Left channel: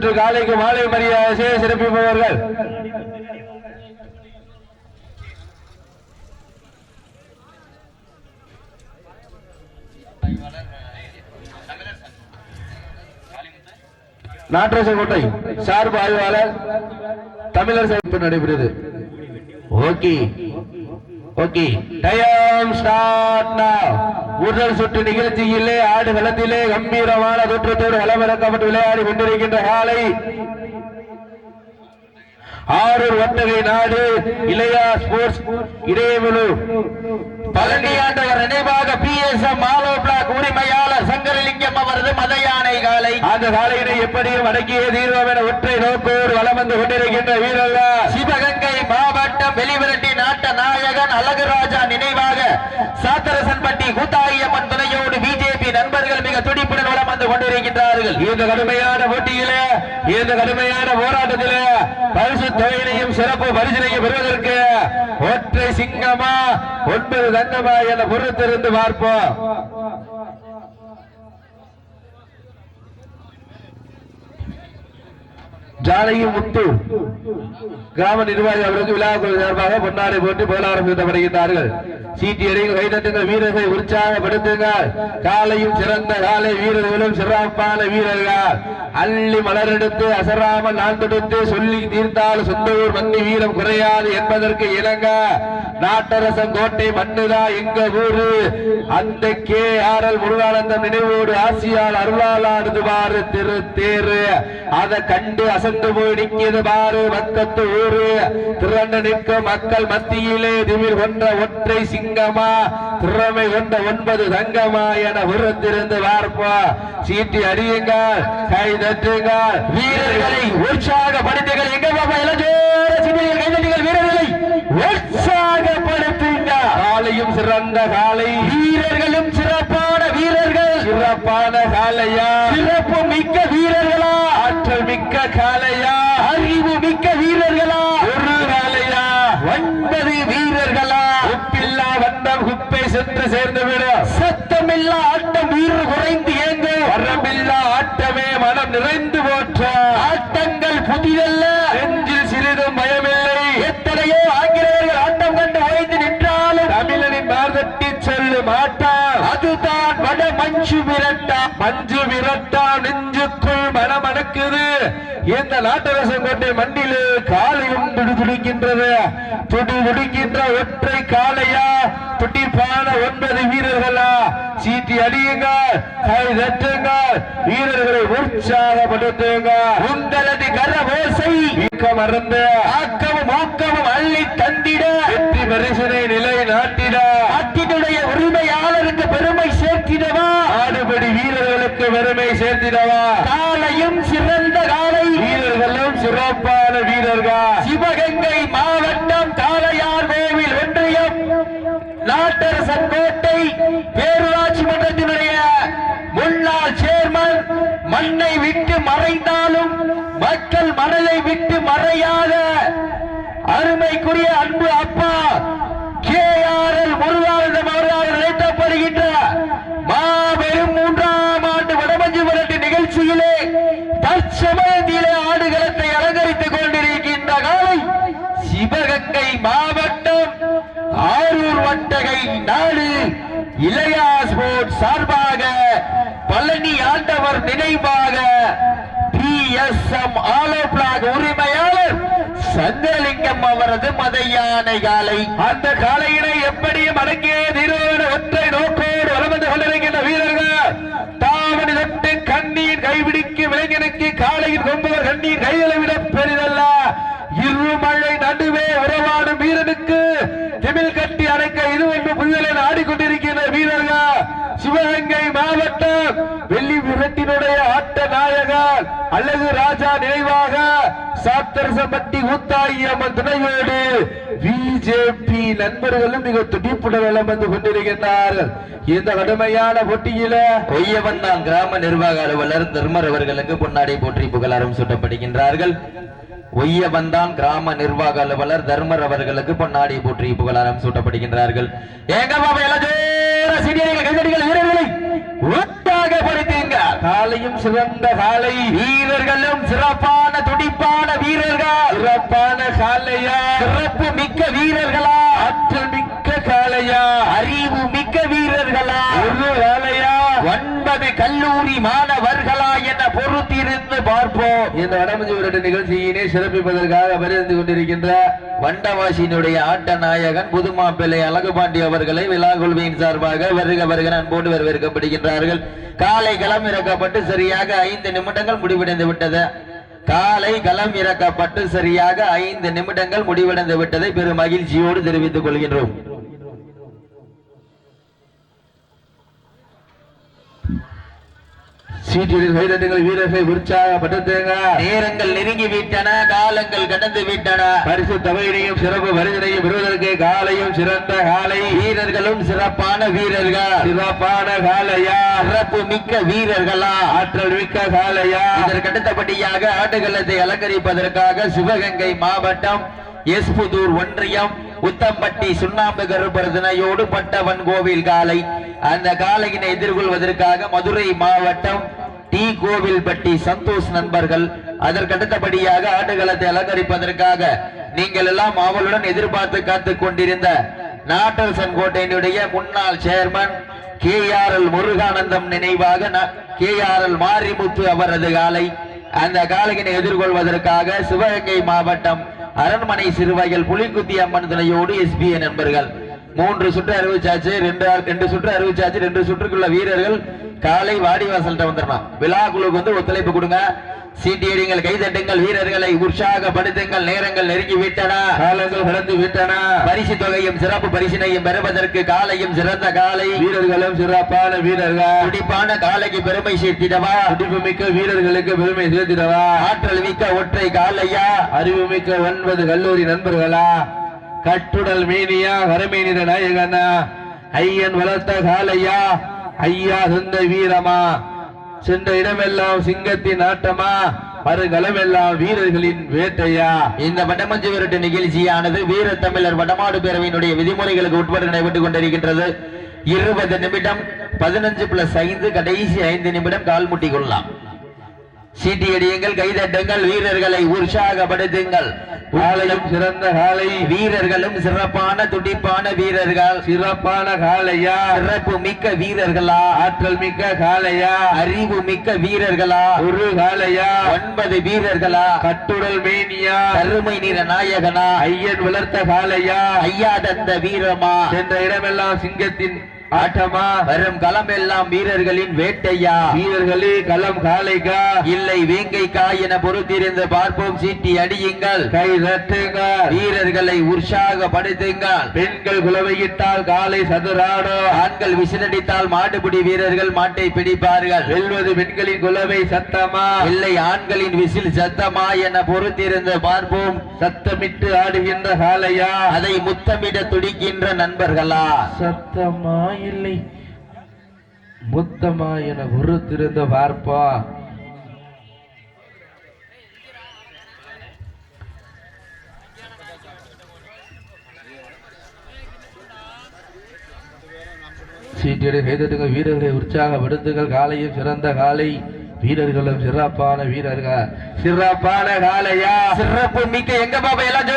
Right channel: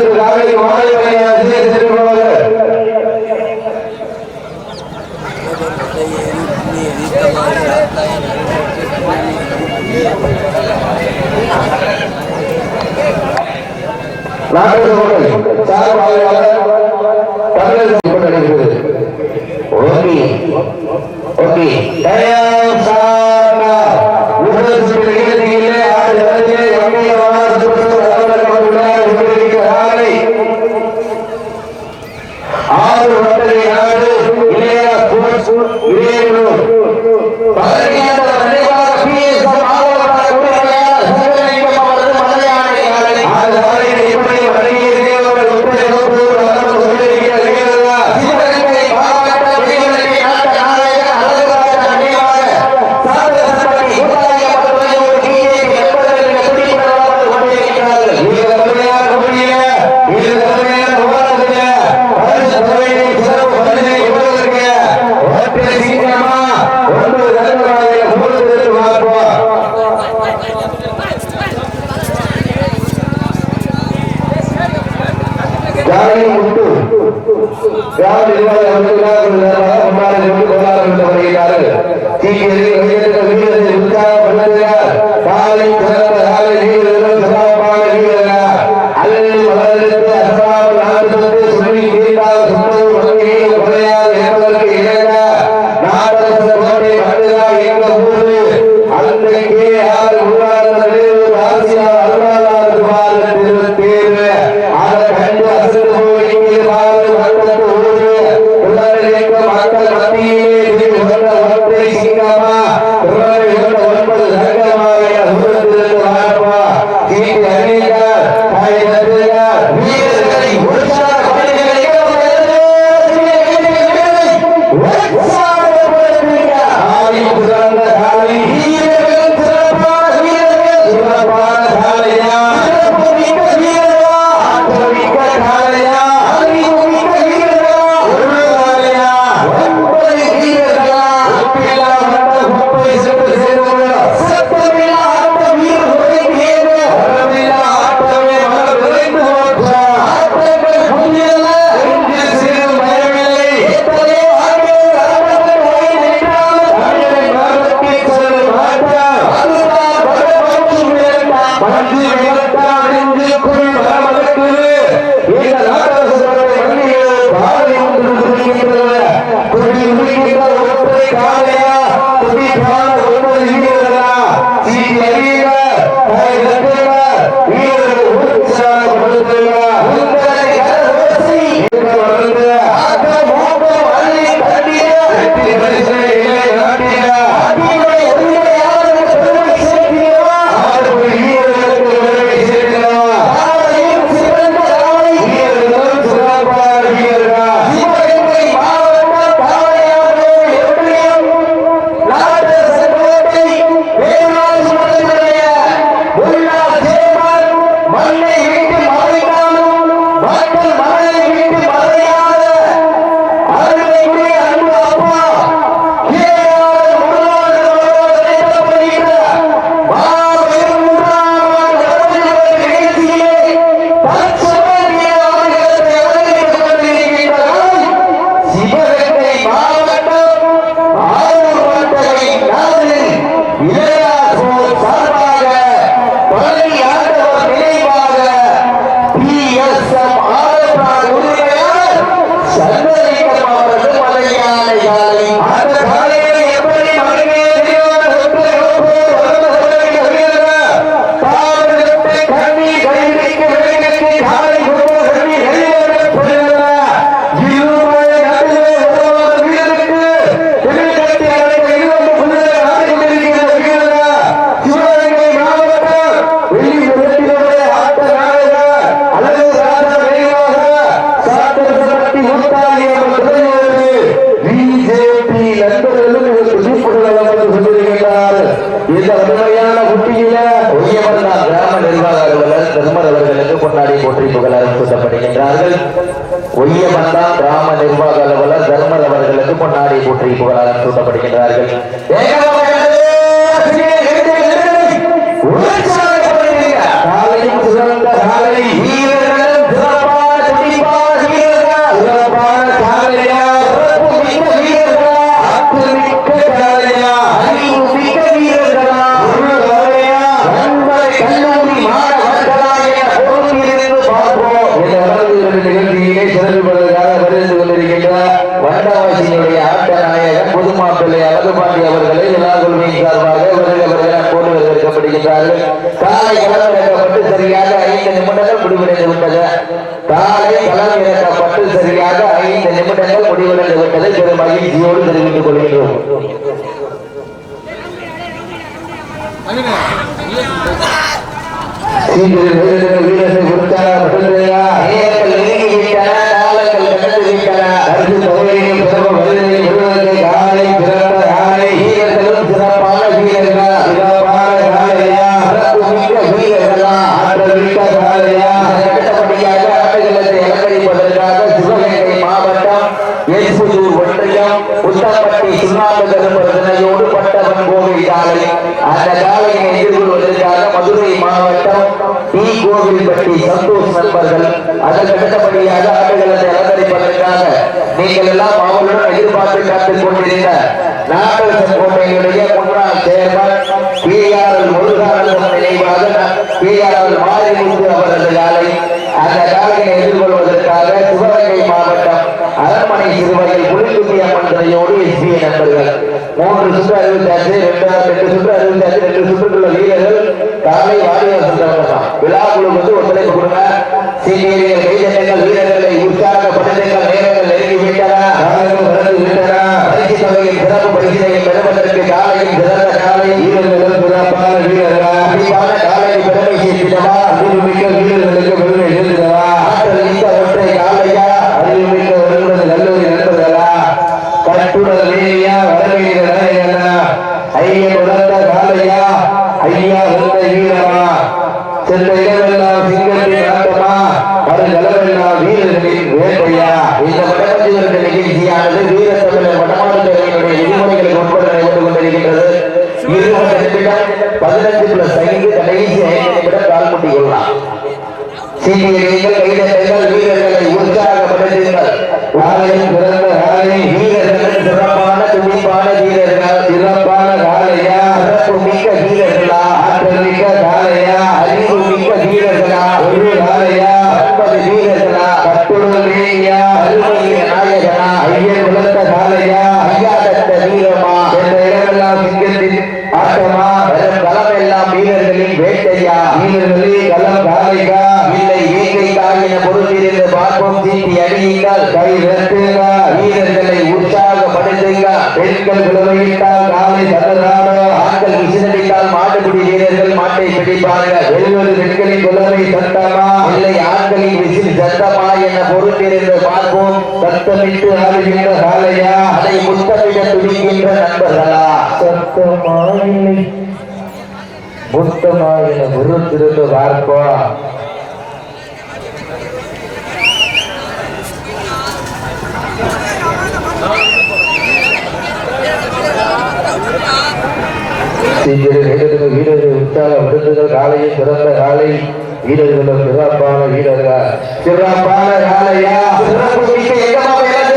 என்று காலைக்கு மாலை ஜாலையும் உண்டு கிராம நிர்வாகி அமைப்பு விழாக்கள் சார்பாக முன்னாடி கொண்டு கோலாறு வந்து வருகிறார்கள் சீக்கியரை வைரத்துக்கு வீரத்தை உற்சாகப்படுத்துகிறார் காலையில் திறந்த ஒய்யமந்தா கிராம நிர்வாக அலுவலர் தர்மர் அவர்களுக்கு பொன்னாடி போற்றி புகழாரம் சூட்டப்படுகின்றார்கள். ஏகமாக முடிவடைந்து விட்டது. காலை களம் இறக்கப்பட்டு சரியாக ஐந்து நிமிடங்கள் முடிவடைந்து விட்டதை. பெரும் மகிழ்ச்சியோடு தெரிவித்துக் கொள்கின்றோம். சீக்கிரம் வீரர்கள் வீரர்களை உற்சாகப்பட்டிருந்தா நேரங்கள் நெருங்கி விட்டன காலங்கள் கடந்து விட்டன கருத்து தொகையையும் சிறப்பு மனிதனையும் விடுவதற்கு காலையும் சிறந்த காலை வீரர்களும் சிறப்பான வீரர்கள் சிறப்பான காலையா சிறப்பு மிக்க வீரர்களா ஆற்றல் மிக்க காலையா இதற்கு அடுத்தபடியாக ஆட்டுகளத்தை அலங்கரிப்பதற்காக சிவகங்கை மாவட்டம் எஸ்புதூர் ஒன்றியம் உத்தப்பட்டி சுண்ணாம்பு கருப்பரதனையோடு பட்டவன் கோவில் காலை அந்த காலையினை எதிர்கொள்வதற்காக மதுரை மாவட்டம் டி பட்டி சந்தோஷ் நண்பர்கள் அதற்கு அடுத்தபடியாக ஆடுகளத்தை அலங்கரிப்பதற்காக நீங்கள் எல்லாம் அவர்களுடன் எதிர்பார்த்து காத்துக் கொண்டிருந்த நாகரசன் கோட்டையினுடைய முன்னாள் chairman K R L Muruganandam நினைவாக கே ஆர் எல் மாரிமுத்து அவரது காலை அந்த காலையினை எதிர்கொள்வதற்காக சிவகங்கை மாவட்டம் அரண்மனை சிறுவையில் புலிக்குட்டி அம்மன் துணையோடு எஸ்பிஐ நண்பர்கள். மூன்று சுற்று அறிவிச்சாச்சு ரெண்டு ரெண்டு சுற்று அறிவிச்சாச்சு ரெண்டு சுற்றுக்குள்ள வீரர்கள் காலை வாடிவாசல் வந்துடலாம் விழா குழுக்கு வந்து ஒத்துழைப்பு கொடுங்க. சீனியர்கள் கைதட்டுங்கள் வீரர்களை உற்சாகப்படுத்துங்கள் நேரங்கள் நெருங்கி விட்டன காலங்கள் கடந்து விட்டன பரிசு தொகையும் சிறப்பு பரிசினையும் பெறுவதற்கு காலையும் சிறந்த காலை. வீரர்களும் சிறப்பான வீரர்கள்? கண்டிப்பான காலைக்கு பெருமை சேர்த்திடவா? அறிவுமிக்க வீரர்களுக்கு பெருமை சேர்த்திடவா? ஆற்றல் மிக்க ஒற்றை காலையா? அறிவுமிக்க கல்லூரி நண்பர்களா? கட்டுடல் மேனியா வரமேனித நாயகனா? ஐயன் வளர்த்த காலையா ஐயா சொந்த வீரமா சென்ற இடமெல்லாம் சிங்கத்தின் ஆட்டமா? வருங்களமெல்லாம் வீரர்களின் வேட்டையா? இந்த வடமஞ்சி நிகழ்ச்சியானது வீர தமிழர் வடமாடு பேரவையினுடைய விதிமுறைகளுக்கு உட்பட நடைபெற்றுக் கொண்டிருக்கின்றது. இருபது நிமிடம் பதினஞ்சு பிளஸ் ஐந்து கடைசி ஐந்து நிமிடம் கால் கொள்ளலாம். சீட்டியடியுங்கள் கைதட்டுங்கள் வீரர்களை உற்சாகப்படுத்துங்கள். காலையும் சிறந்த காலை வீரர்களும் சிறப்பான துடிப்பான வீரர்கள். சிறப்பான காலையா சிறப்பு மிக்க வீரர்களா? ஆற்றல் மிக்க காலையா அறிவு மிக்க வீரர்களா? ஒரு காலையா ஒன்பது வீரர்களா? கட்டுடமேயா அருமை நிற நாயகனா? ஐயர் வளர்த்த காலையா ஐயா தந்த வீரமா? என்ற இடமெல்லாம் சிங்கத்தின் ஆட்டமா? வெறும் களம் எல்லாம் வீரர்களின் வேட்டையா? வீரர்களே களம் காலைக்கா என பொறுத்திருந்து பார்ப்போம். சீட்டி அடியுங்கள் கை ரத்துங்க வீரர்களை உற்சாகப்படுத்துங்க பெண்கள் குலவையிட்டால் காலை சதுராடோ ஆண்கள் விசிலடித்தால் மாட்டுப்பிடி வீரர்கள் மாட்டை பிடிப்பார்கள். வெல்வது பெண்களின் குலவை சத்தமா? இல்லை ஆண்களின் விசில் சத்தமா என பொறுத்திருந்து பார்ப்போம். சத்தமிட்டு ஆடுகின்ற காலையா அதை முத்தமிட துடிக்கின்ற நண்பர்களா? சத்தமா இல்லை முத்தமா என பொறுத்திருந்து பார்ப்பா சீக்கிரம் வீரர்கள் வீரர்களை உற்சாக விருந்துகள் காலையில் சிறந்த காலை வீரர்களும் சிறப்பான வீரர்கள்? சிறப்பான காலையா? சிறப்பு மிக்க எங்க எங்கம்மா எல்லாம்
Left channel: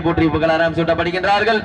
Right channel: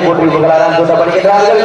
போட்டிக் கொள்கிறாராம் கூட்டப்படுகின்றார்கள்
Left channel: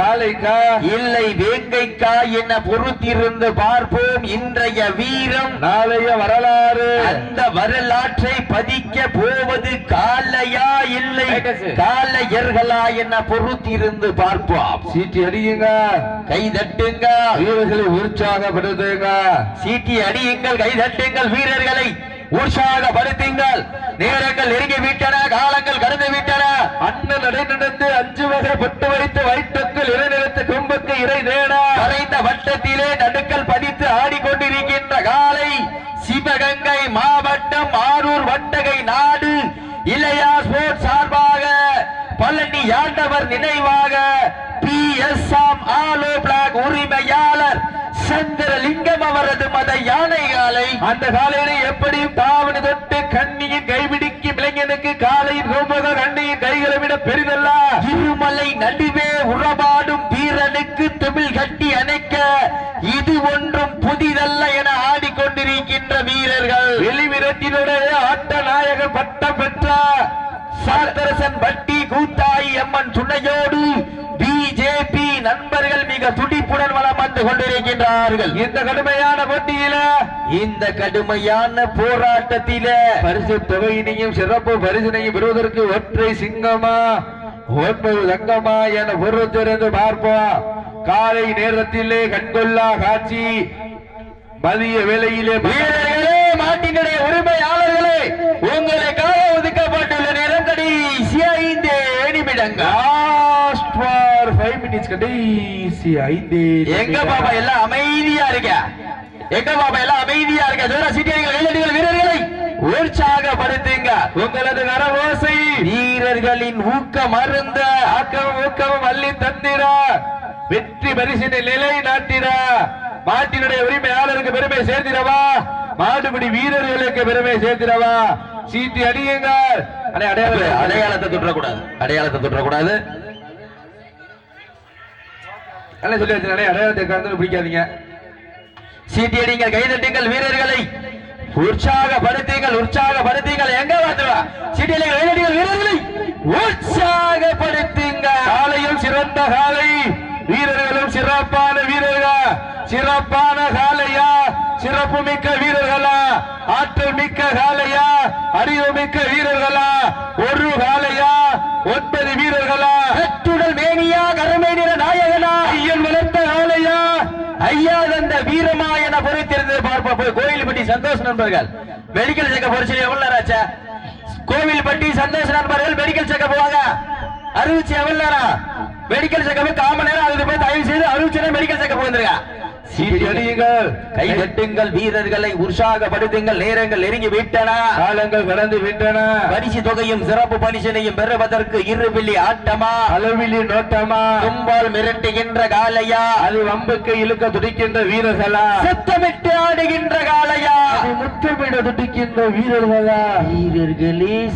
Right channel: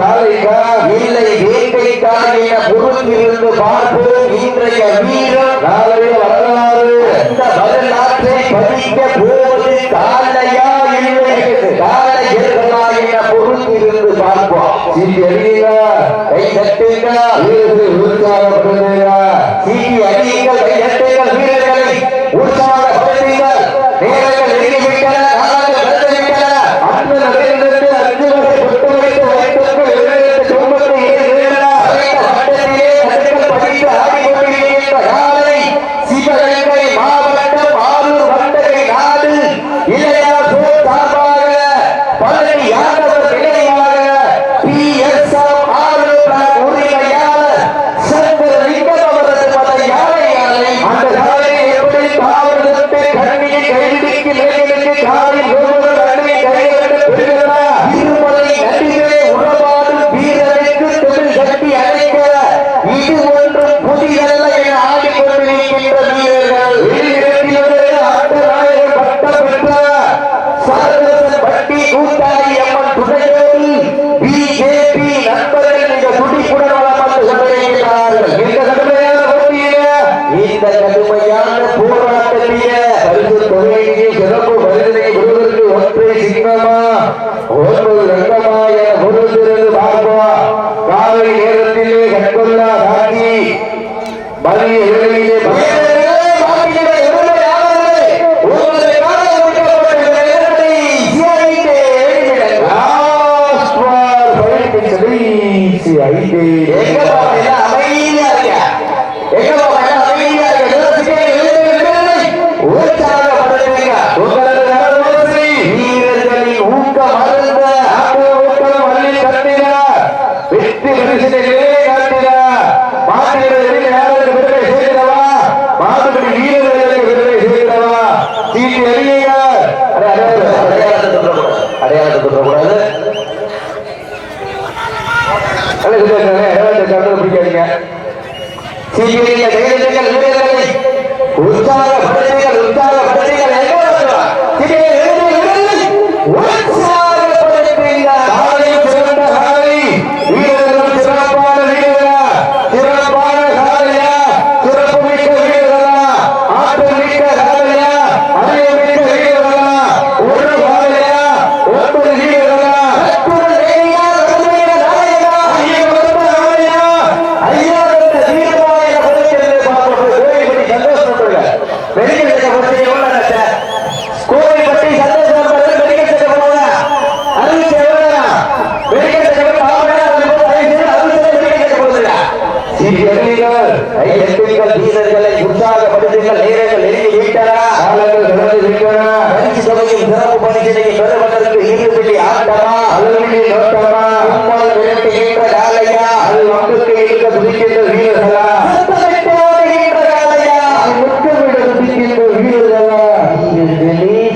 காலைக்கா இல்லை வேங்கைக்கா என பொறுத்திருந்து பார்ப்போம் இன்றைய வீரம். நாளைய வரலாறு. அந்த வரலாற்றை பதிக்க போவது காலையா இல்லை? காலையர்களா என பொறுத்திருந்து பார்ப்போம். இங்கே அறியுங்க கை தட்டுங்க. ಅದಕ್ಕೆ ரங்கமா என பொறுத்திருந்து பார்ப்போம் காலை நேரத்திலே கண்டுள்ளா காட்டி மதிய வேலையிலே பகவான் சீக்கிரங்க கைதட்டுங்கள் வீரர்களை உற்சாகப்படுத்த உற்சாகப்படுத்துங்கள் எங்க வந்துடும் சீக்கிரம் வீரர்களை உற்சாகப்படுத்துங்கள் காலையில் சிறந்த காலை வீரர்களும் சிறப்பான வீரர்களா சிறப்பான காலையா சிறப்பு மிக்க வீரர்களா ஆற்றல் மிக்க காலையா அறிவு மிக்க வீரர்களா ஒரு காலையா ஒன்பது வீரர்களா அற்புதம் நேரியா கருமையில நாயகனா ஐயகப்பட்ட காளையா? ஐயா என்ற வீரநாயக பொறுக்கிறது பார்ப்போம் கோயில்பட்டி சந்தோஷ் நண்பர்கள் மெடிக்கல் செக்கப் பற்றி எவ்வளவு கோவில்பட்டி சந்தோஷ் நண்பர்கள் மெடிக்கல் செக்கப் போவாங்க அறுபத்தி எவ்வளவு மெடிக்கல் செக்கப் காம நேரம் அதுக்கு தயவு செய்து அறுபத்தி மெடிக்கல் செக்கப் போதுங்க சீரியர்கள் கை வெட்டுங்கள் வீரர்களை உற்சாகப்படுத்துங்கள் நேரங்கள் நெருங்கி விட்டன காலங்கள் கடந்து விட்டன பரிசு தொகையும் சிறப்பு பரிசினையும் பெறுவதற்கு இருபிலி ஆட்டமா? அளவிலி நோட்டமா முன்னால் நிறுத்துகின்ற காலையா? அது நம்பிக்கை இழுக்க துடிக்கின்ற வீரர்களா? துடிக்கின்ற வீரர்களா?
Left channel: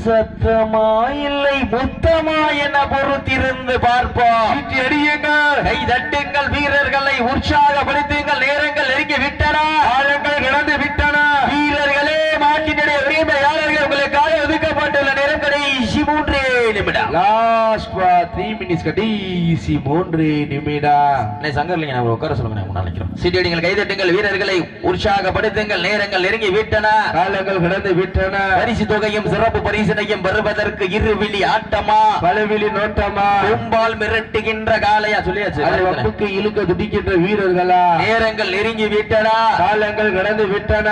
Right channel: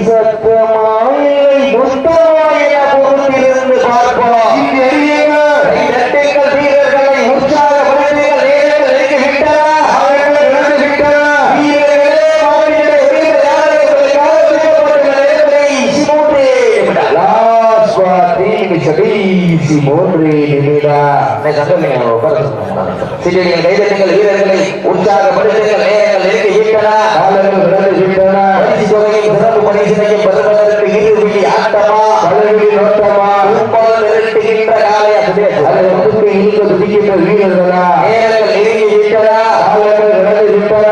சத்தமா இல்லை கடைசி மூன்று நிமிடம் சங்கமையான உட்கார சீடியடிகள் கைதட்டுங்கள் வீரர்களை உற்சாகப்படுத்துங்கள் நேரங்கள் நெருங்கி விட்டன. காலங்கள் பிறந்து விட்டன. பரிசு தொகையும் சிறப்பு பரிசனையும் பெறுவதற்கு இது விதி ஆட்டமா? பழகில் நோட்டமா? கும்பால் மிரட்டுகின்ற காலையா சுதேசு அது வகுப்பு இழுக்க துடிக்கின்ற வீரர்களா? நேரங்கள் நெருங்கி விட்டதா காலங்கள் கடந்து விட்டன.